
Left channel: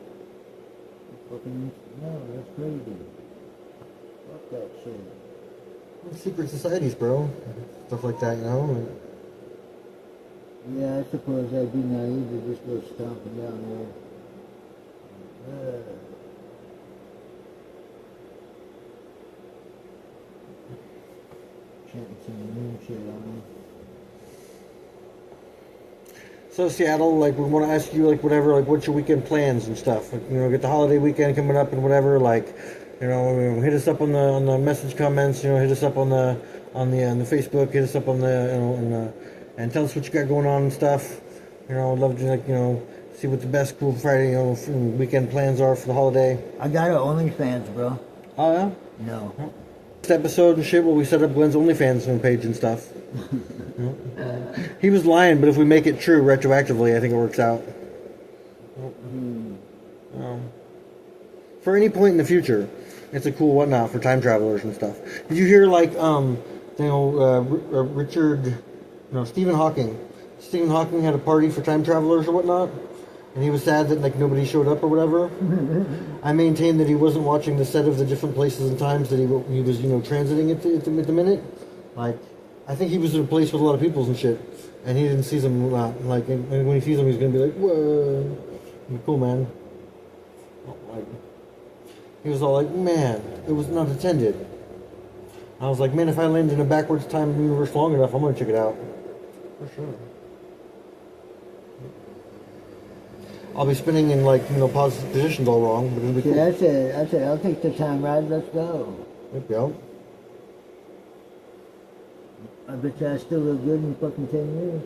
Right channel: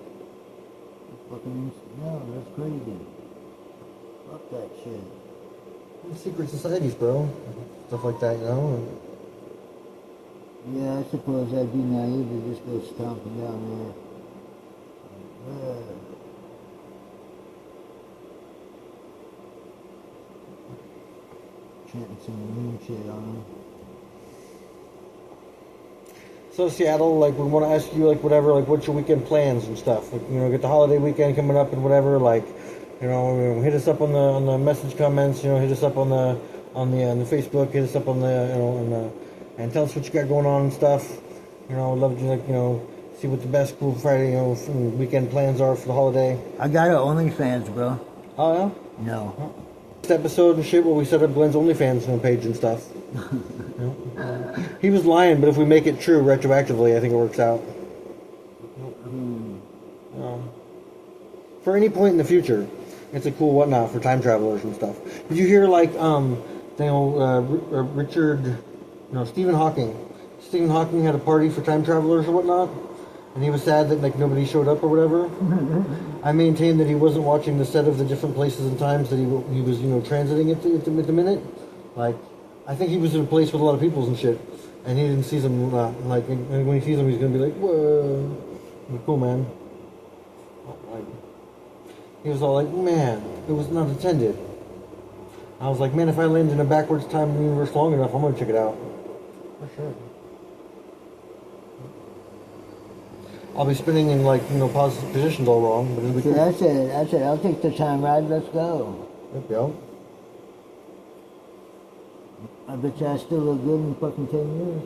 No, that's crazy. Fuck that shit. Secret societies, bro. Stuff like that, you know. And Yeah, I suppose I'd be naive to just go stomping down there. Chanting some moon shit on them. so Seattle, like, we want to ask you, like, whatever, like, what's your weekend plans and stuff? Like, you know, get the holiday weekend coming up and whatever. Like, you know, hit us up on the message comments. You know, hit us up on the Facebook. Hit us up on the, you know, and tell us what you got going on and stuff. You know, I'd love to, like, you know, see what the best cool Friday, you know, weekend plans are for the holiday. I got an OnlyFans, bro. Oh yeah. No. Next episode and shit where we set up Glenn's OnlyFans page and stuff. He was lying, but if we make it true retroactively, I think it works out. For any point in the future, it's a cool whatnot for time travelers and stuff. Did you hear, like, Stephen Hawking? Stephen Hawking had a party for time travelers or whatnot, and he was sad that, like, nobody showed up or whatever. I maintain that he wasn't watching the set of the different places and times that he was, you know, transiting at the minute. Like, I think he was in a place with a lot of people and shit, and he didn't see them. Like, and when he sees them, he's gonna be like, "Whoa, cool, man." Like, He was all like, man, it was not intended. And I was like, man, if I land in a backwards time in the universe long enough, I'm going to check it out. For sure. I'll be spinning in, like, positive positions all wrong, but it'll be So cool. that's it. That's it. I'll take the time ride. Let's go. Yep, yep. I bet you I still look good in fucking 10 years.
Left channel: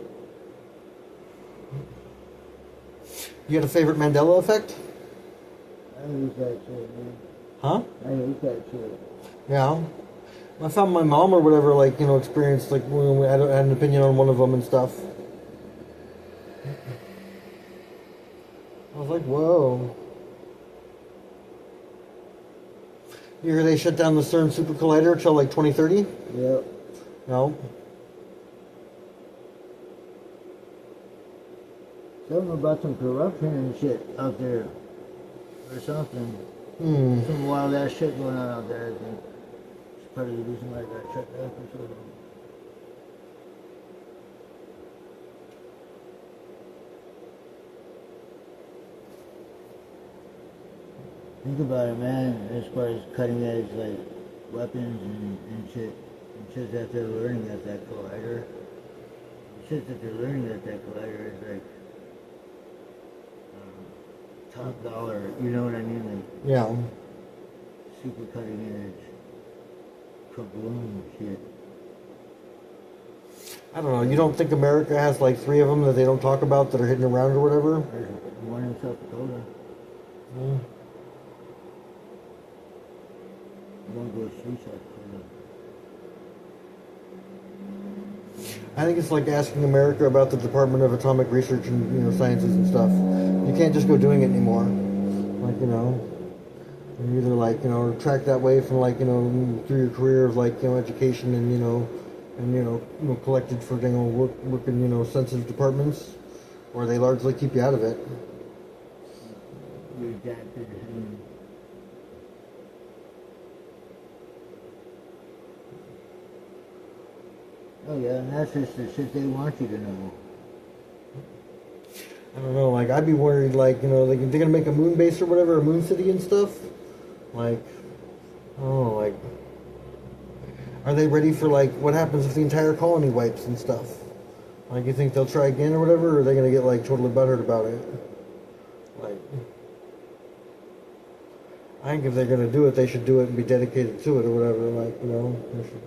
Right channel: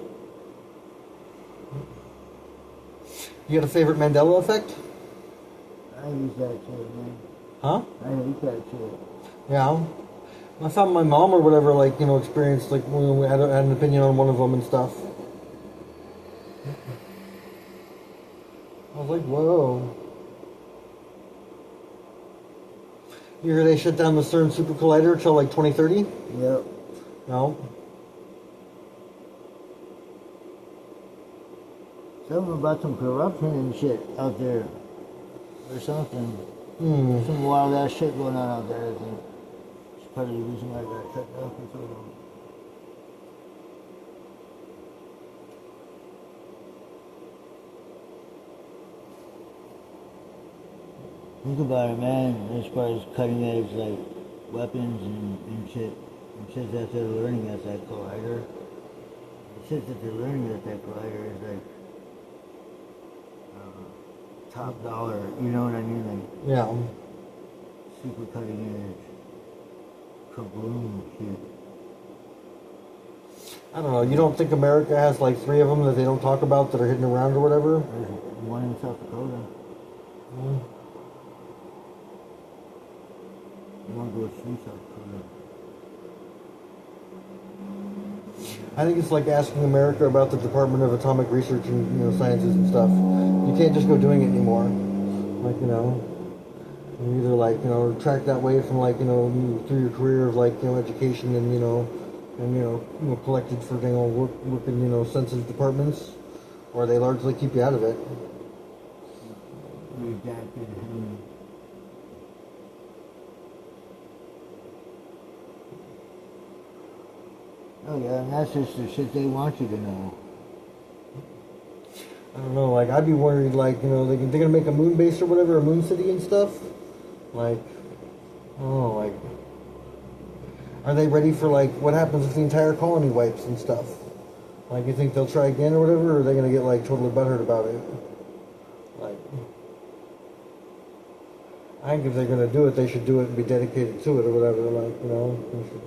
You got a favorite Mandela effect? I use that shit, man. Huh? I use that shit. Yeah. I found my mom or whatever, like, experienced, like, had an opinion on one of them and stuff. I was like, whoa. You hear they shut down the CERN Super Collider till, like, 2030? Yep. No. Something about some corruption and shit out there. Or something. Hmm. Some wild ass shit going on out there, I think. It's part of the reason why I got shut down for so long. Think about it, man, as far as cutting edge, like, weapons and shit. And shit that they're learning at that collider. The shit that they're learning at that collider is like, top dollar, you know what I mean? Like, Yeah. super cutting edge. Kaboom shit. I don't know. You don't think America has, like, 3 of them that they don't talk about that are hidden around or whatever? There's one in South Dakota. Mm. One goes through South Dakota. I think it's like asking America about the Department of Atomic Research and Sciences and stuff. You can't just go doing it anymore. Like you either like track that way from like through your career of like education and collected for work in sensitive departments, or they largely keep you out of it. Redacted. Oh yeah, and that's just the shit they want you to know. I don't know, like I'd be worried, like they're gonna make a moon base or whatever, a moon city and stuff. Like, I don't know, like, are they ready for like what happens if the entire colony wipes and stuff? Like, you think they'll try again or whatever, or are they gonna get like totally butthurt about it? Like, I think if they're gonna do it, they should do it and be dedicated to it or whatever. Like, they should.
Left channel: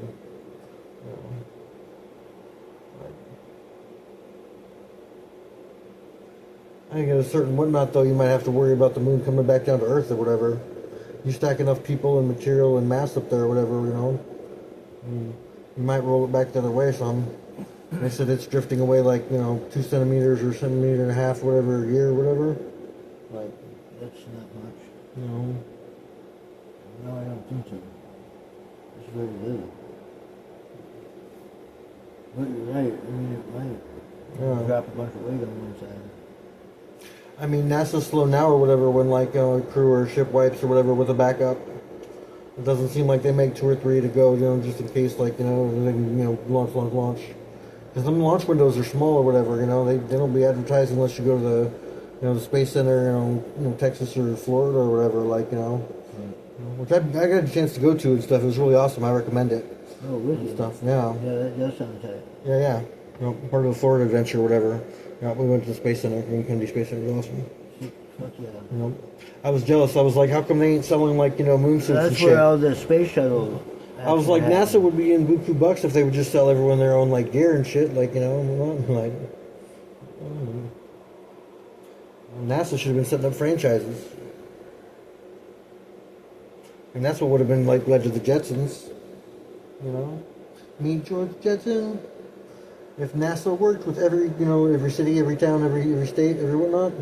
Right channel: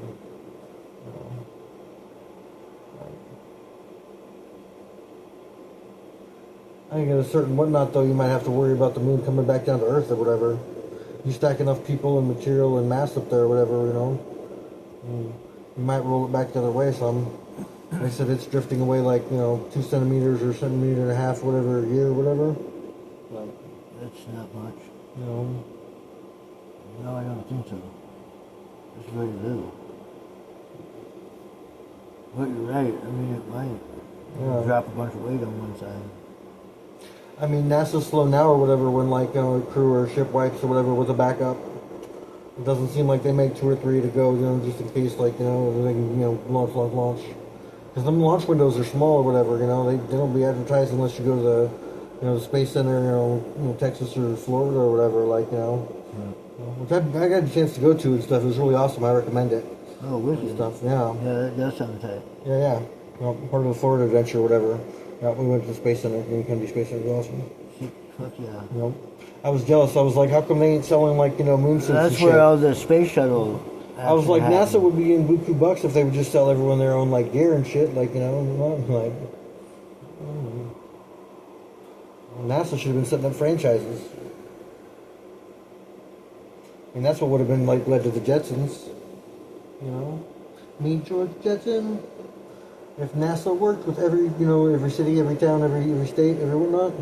I think at a certain whatnot, though, you might have to worry about the moon coming back down to Earth or whatever. You stack enough people and material and mass up there or whatever, you might roll it back the other way some. They said it's drifting away like, 2 centimeters or centimeter and a half, whatever, a year or whatever. Like, That's not much. No, I don't think so. It's very little. But you're right, I mean, it might drop a bunch of weight on one side. I mean, NASA's slow now or whatever when, like, a crew or a ship wipes or whatever with a backup. It doesn't seem like they make 2 or 3 to go, just in case, like, they can, launch. Because the launch windows are small or whatever, they don't be advertised unless you go to the Space Center, Texas or Florida or whatever, like, Which I got a chance to go to and stuff. It was really awesome. I recommend it. Oh, wicked. Stuff, yeah. Yeah, that does sound tight. Yeah. Part of the Florida adventure or whatever. Yeah, we went to the Space Center, Kennedy Space Center. It was awesome. Fuck yeah. I was jealous. I was like, how come they ain't selling, like, moon suits and That's shit? where all the space shuttle. I was like, happened. NASA would be in buku bucks if they would just sell everyone their own, like, gear and shit. Like, like... NASA should have been setting up franchises. And that's what would have been, like, led to the Jetsons. Meet George Jetson. If NASA worked with every, every city, every town, every state, every whatnot.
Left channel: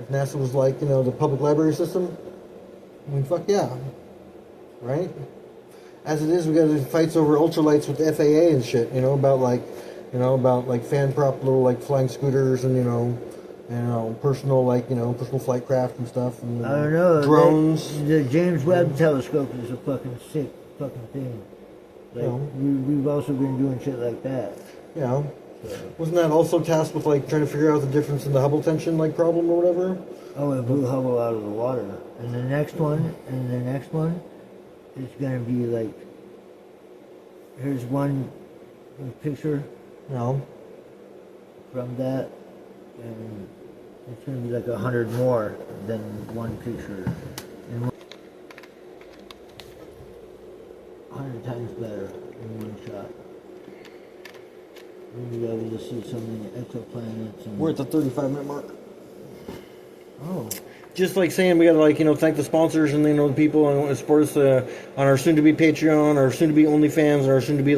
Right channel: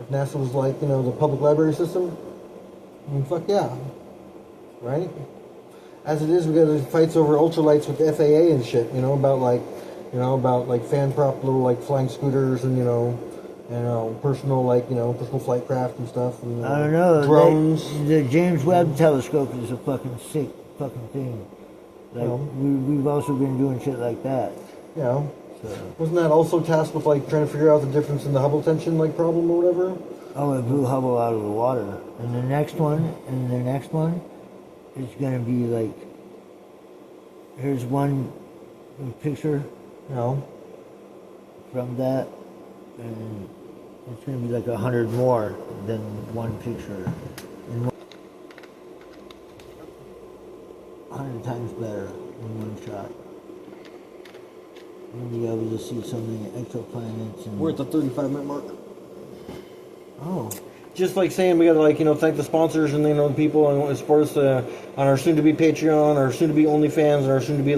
If NASA was like, the public library system. I mean, fuck yeah. Right? As it is, we got these fights over ultralights with the FAA and shit, about like fan prop little like flying scooters and personal like personal flight craft and stuff. And, I don't know. Drones. The James Webb Telescope is a fucking sick fucking thing. Like we've also been doing shit like that. Wasn't that also tasked with like trying to figure out the difference in the Hubble tension like problem or whatever? Oh, it blew Hubble out of the water. And the next one, is gonna be like, here's one picture No. from that, and it's gonna be like 100 more than one picture. And 100 times better in one shot. We'll be able to see so many exoplanets and. We're at the 35-minute mark. Oh. Just like saying we gotta like thank the sponsors and the people and support us on our soon-to-be Patreon, our soon-to-be OnlyFans, and our soon-to-be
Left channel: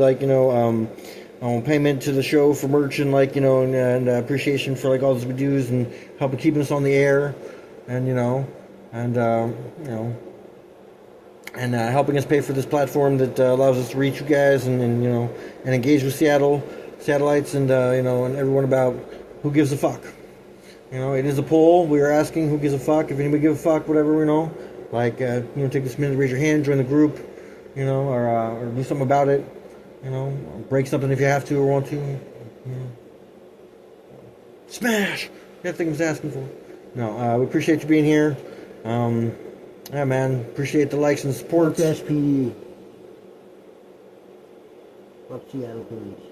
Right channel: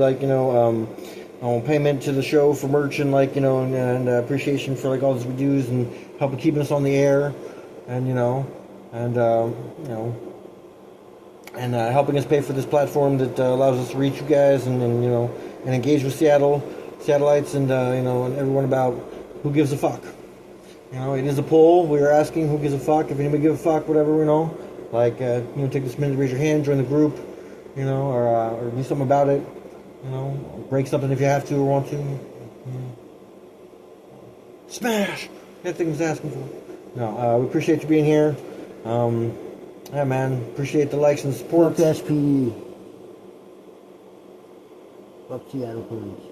payment to the show for merch and and appreciation for like all this we do and helping keeping us on the air, and helping us pay for this platform that allows us to reach you guys and engage with Seattleites and and everyone about who gives a fuck. It is a poll. We are asking who gives a fuck. If anybody gives a fuck, whatever, take this minute to raise your hand, join the group, or do something about it, or break something if you have to or want to. Smash! That thing was asking for. No, we appreciate you being here. Yeah, man, appreciate the likes and support. Fuck SPD. Fuck Seattle Police.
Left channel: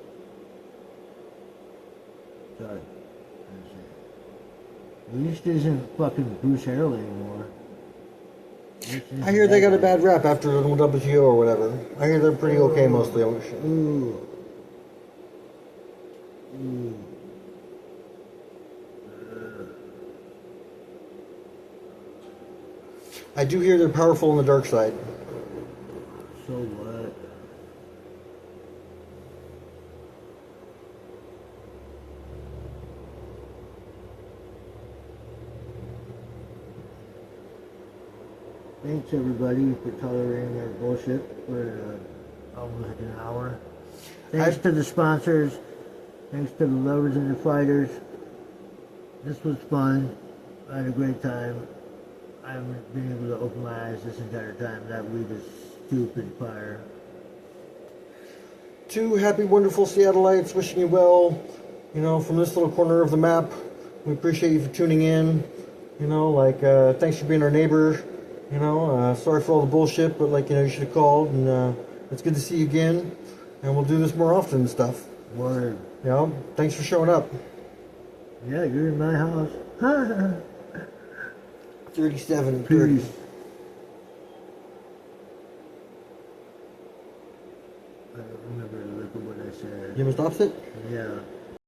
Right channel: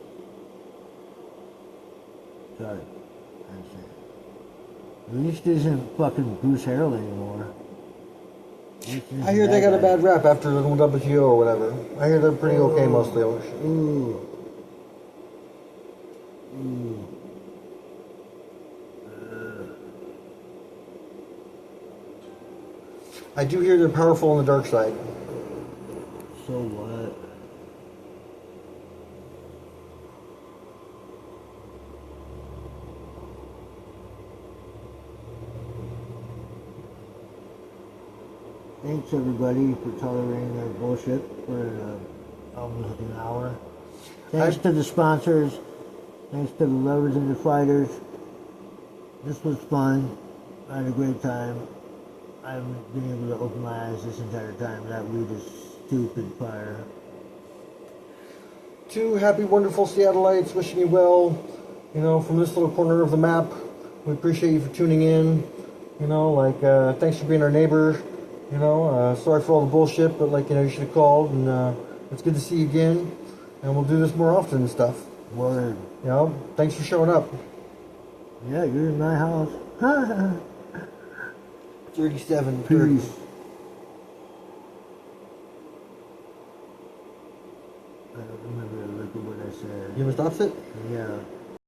Sorry. At least isn't fucking Bruce Harrell anymore. I hear they got a bad rap after the WTO or whatever. I hear they're pretty okay mostly. Ooh. I do hear they're powerful on the dark side. So what? Thanks everybody for tolerating our bullshit for almost an hour. Thanks to the sponsors. Thanks to the lovers and the fighters. This was fun. I had a great time. I haven't been able to open my eyes this entire time. That weed is stupid fire. Two happy, wonderful Seattleites wishing you well. From this little corner of the map. We appreciate you for tuning in. Thanks for being our neighbor. Sorry for all the bullshit, but you should have called, and it's good to see you again, and we'll do this more often and stuff. Word. Thanks for showing up. Yeah, you're in my house. 37. Peace. I don't remember what I said. You ever stop it? Yeah.